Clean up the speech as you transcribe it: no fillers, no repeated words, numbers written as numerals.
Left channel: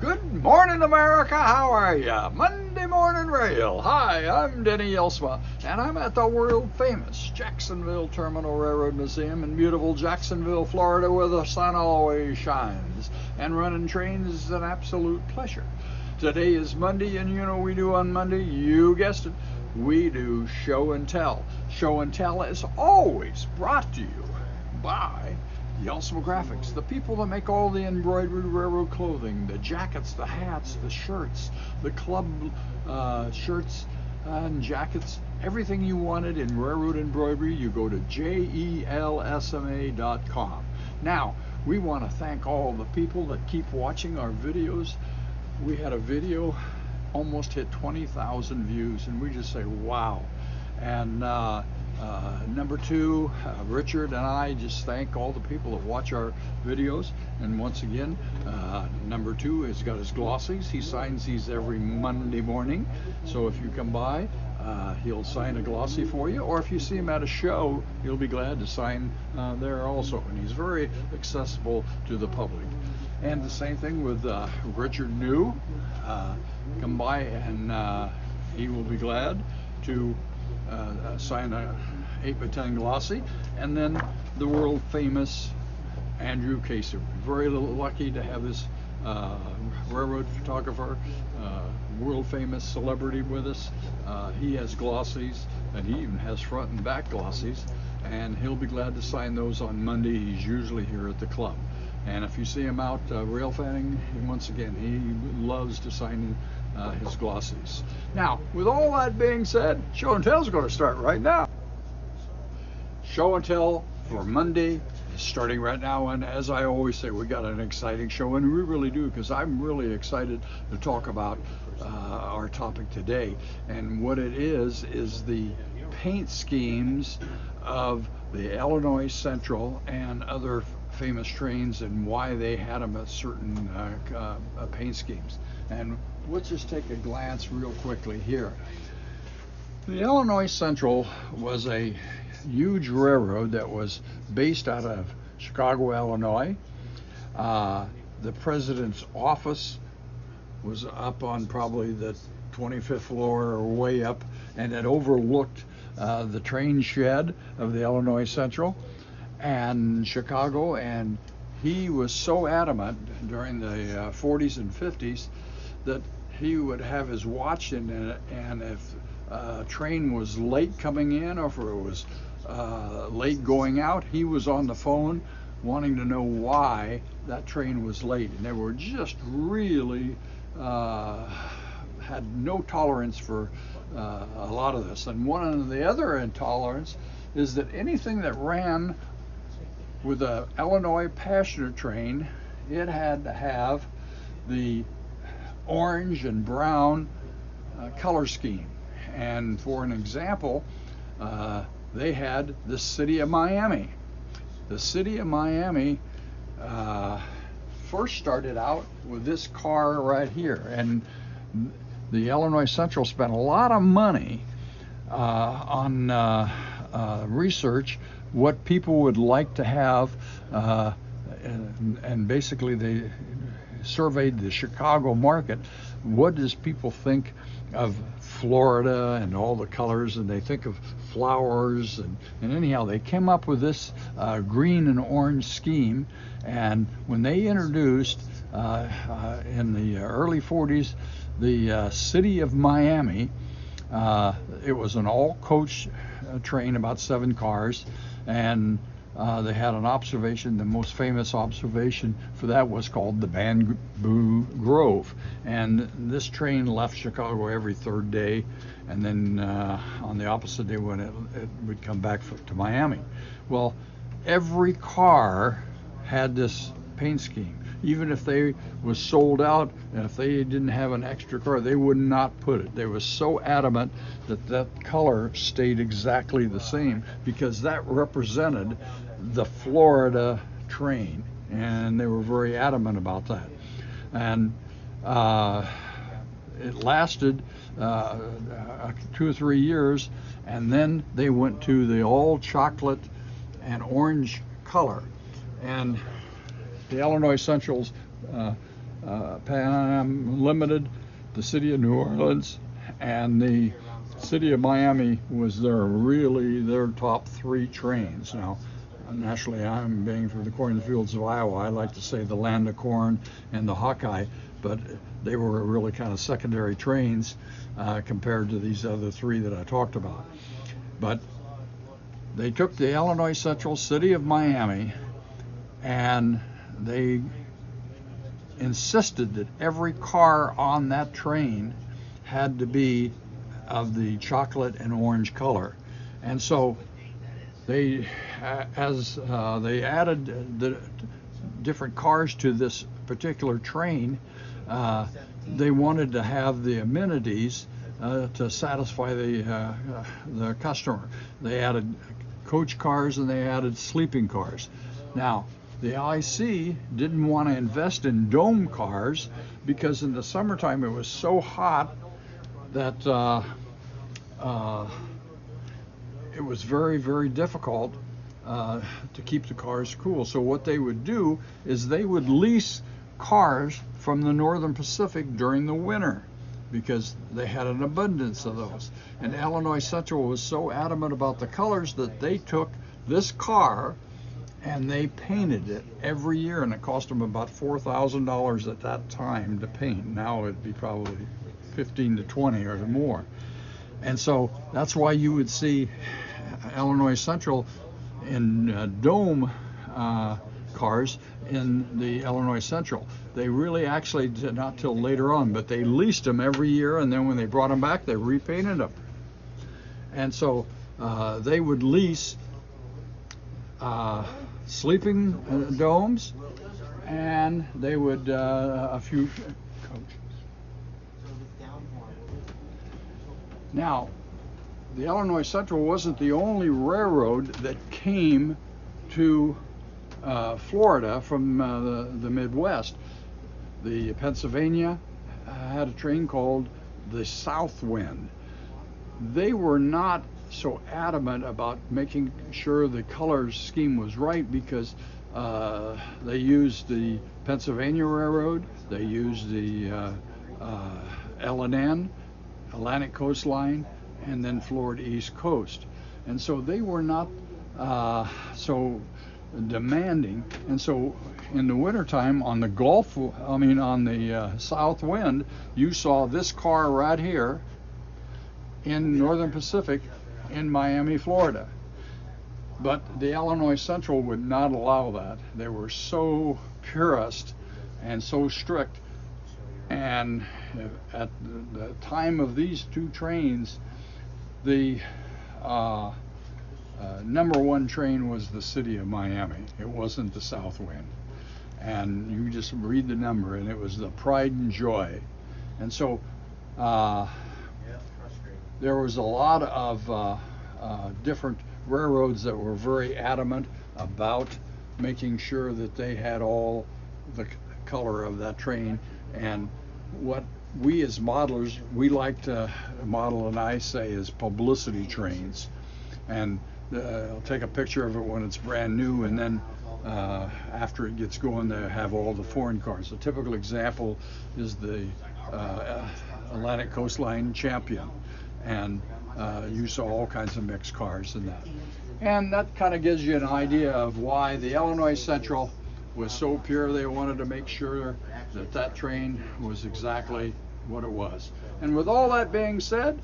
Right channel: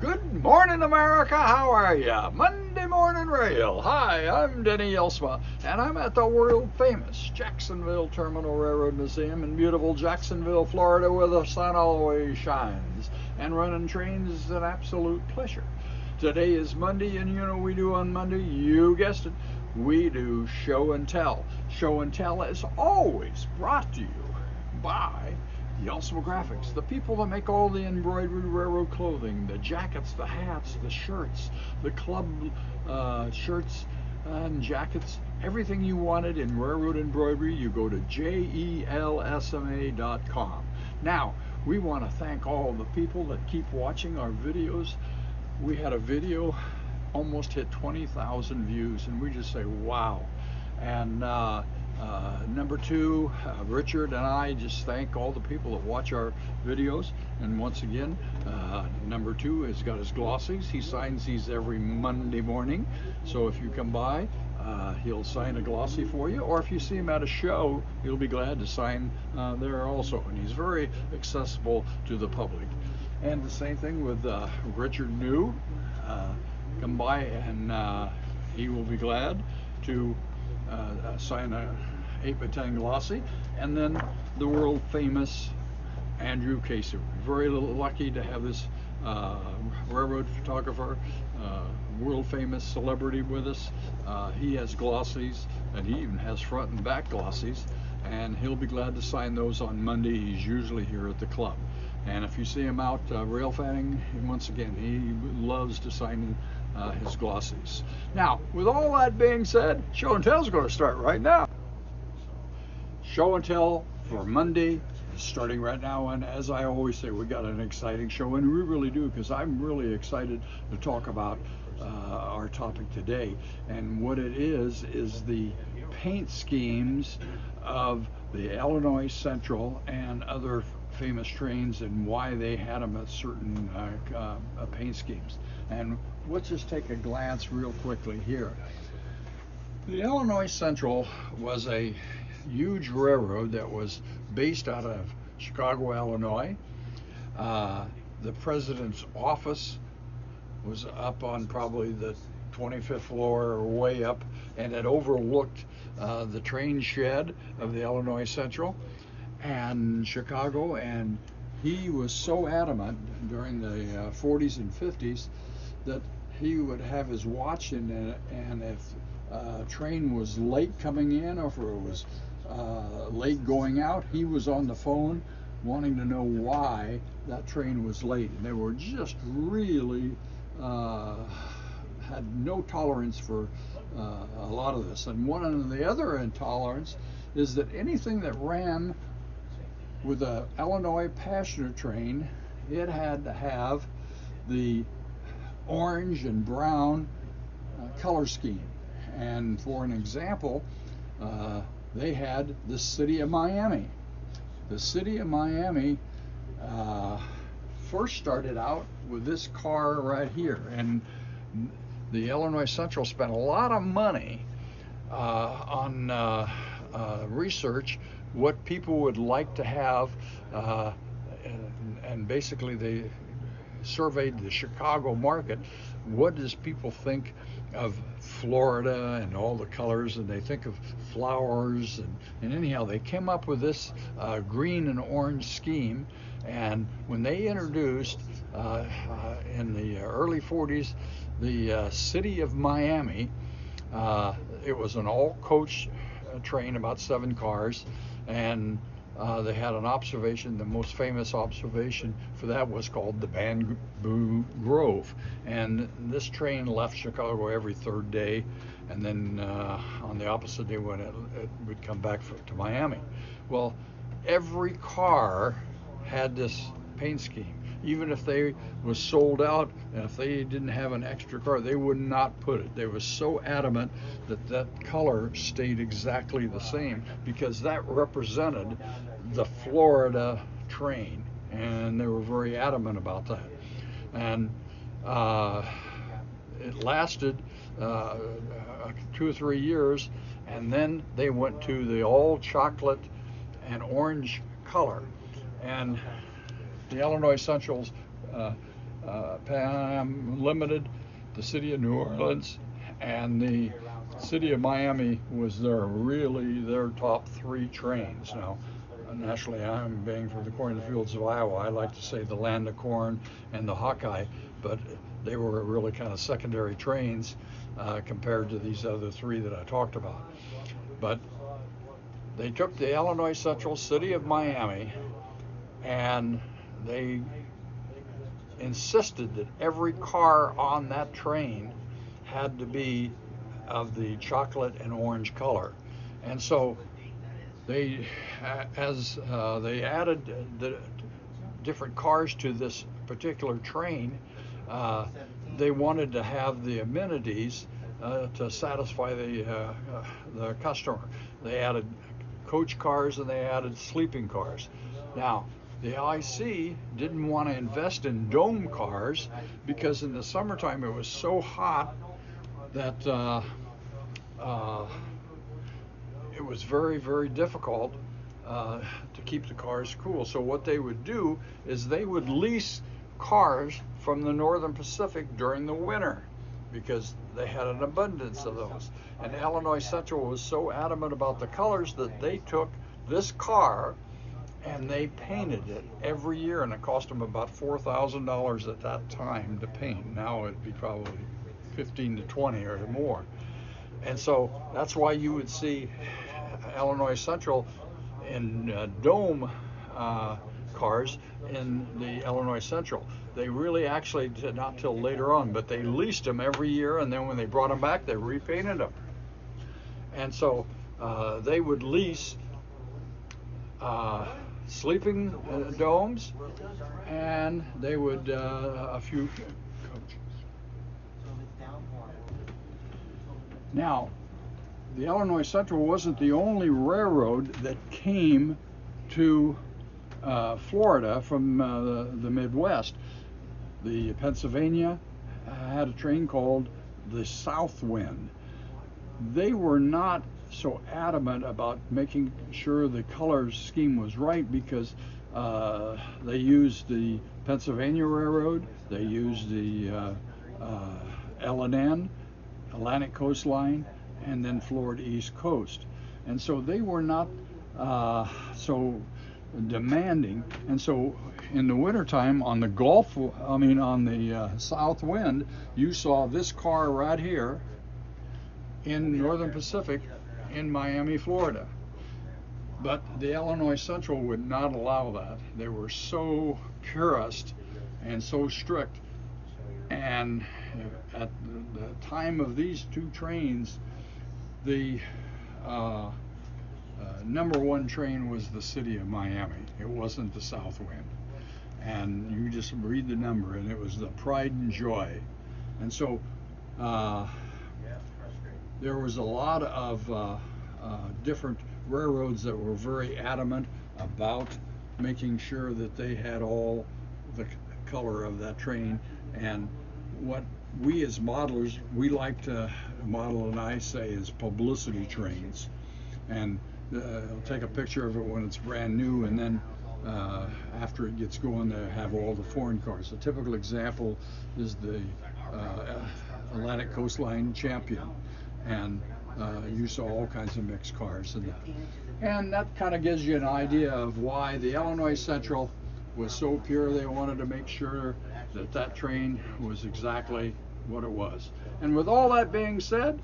Good morning, America. How are ya? Monday Morning Rail. Hi, I'm Denny Jelsma, and I'm at the world famous Jacksonville Terminal Railroad Museum in beautiful Jacksonville, Florida, where the sun always shines. And running trains is an absolute pleasure. Today is Monday, and you know what we do on Monday? You guessed it. We do show and tell. Show and tell is always brought to you by Jelsma Graphics, the people that make all the embroidered railroad clothing, the jackets, the hats, the shirts, the club shirts and jackets, everything you wanted in railroad embroidery, you go to jelsma.com. Now, we want to thank all the people that keep watching our videos. We had a video almost hit 20,000 views, and we just say, wow. And number two, Richard and I just thank all the people that watch our videos. And once again, number two has got his glossies. He signs these every Monday morning. So if you come by, he'll sign a glossy for you. Or if you see him at a show, he'll be glad to sign there also. And he's very accessible to the public. And the same thing with Richard New. Come by and he will be glad to sign a 8x10 glossy. And then the world famous Andrew Casey. Very lucky to have this railroad photographer, world famous celebrity with us. He has glossies, and he even has front and back glossies, and he'll be glad to sign those on Monday. He's usually here at the club. And if you see him out rail fanning, once again, he loves to sign his glossies. Now, with all that being said, show and tell is going to start right now. Show and tell for Monday is starting right now, and as I always say, we got an exciting show, and we really do, because I'm really excited to talk about our topic today. And what it is the paint schemes of the Illinois Central and other famous trains, and why they had them at certain paint schemes. And let's just take a glance real quickly here. The Illinois Central was a huge railroad that was based out of Chicago, Illinois. The president's office was up on probably the 25th floor or way up, and it overlooked the train shed of the Illinois Central and Chicago. And he was so adamant during the 40s and 50s that he would have his watch in it, and if a train was late coming in, or if it was late going out, he was on the phone wanting to know why that train was late. And they were just really had no tolerance for a lot of this. And one of the other intolerance is that anything that ran with a Illinois passenger train, it had to have the orange and brown color scheme. And for an example, they had the city of Miami. The city of Miami first started out with this car right here, and the Illinois Central spent a lot of money on research what people would like to have, and basically they surveyed the Chicago market. What does people think of Florida and all the colors, and they think of flowers, and anyhow they came up with this green and orange scheme. And when they introduced in the early 40s the city of Miami, it was an all coach train, about 7 cars, and they had an observation. The most famous observation for that was called the Bamboo Grove. And this train left Chicago every 3rd day, and then on the opposite day when it would come back to Miami. Well, every car had this paint scheme. Even if they was sold out, and if they didn't have an extra car, they would not put it. They were so adamant that that color stayed exactly the same, because that represented the Florida train, and they were very adamant about that. And it lasted 2 or 3 years, and then they went to the all chocolate and orange color. And the Illinois Central's Pan Am Limited, the city of New Orleans, and the city of Miami was really their top 3 trains. Now, naturally, I'm being from the corn fields of Iowa. I like to say the land of corn and the Hawkeye, but they were really kind of secondary trains compared to these other 3 that I talked about. But they took the Illinois Central city of Miami and they insisted that every car on that train had to be of the chocolate and orange color. And so they, they added the different cars to this particular train, they wanted to have the amenities to satisfy the customer. They added coach cars and they added sleeping cars. Now, the LIC didn't want to invest in dome cars because in the summertime it was so hot that it was very, very difficult to keep the cars cool. So what they would do is they would lease cars from the Northern Pacific during the winter because they had an abundance of those. And Illinois Central was so adamant about the colors that they took this car and they painted it every year, and it cost them about $4,000 at that time to paint. Now it'd be probably 15 to 20 or more. And so that's why you would see Illinois Central in dome cars in the Illinois Central. They really actually did not till later on, but they leased them every year, and then when they brought them back, they repainted them. And so they would lease sleeping domes, and they would a few coaches. Now, the Illinois Central wasn't the only railroad that came to Florida from the Midwest. The Pennsylvania had a train called the South Wind. They were not so adamant about making sure the color scheme was right because they used the Pennsylvania Railroad, they used the L&N, Atlantic Coastline, and then Florida East Coast. And so they were not so demanding. And so in the wintertime on the on the South Wind, you saw this car right here in Northern Pacific in Miami, Florida. But the Illinois Central would not allow that. They were so purist and so strict. And at the time of these 2 trains, the number 1 train was the city of Miami. It wasn't the South Wind. And you just read the number, and it was the pride and joy. And so there was a lot of different railroads that were very adamant about making sure that they had all the color of that train. And what we as modelers, we like to model, and I say, is publicity trains. And I'll take a picture of it when it's brand new, and then after it gets going, they have all the foreign cars. A typical example is the Atlantic Coastline Champion, and you saw all kinds of mixed cars in that. And that kind of gives you an idea of why the Illinois Central was so pure. They wanted to make sure that that train was exactly what it was. And with all that being said,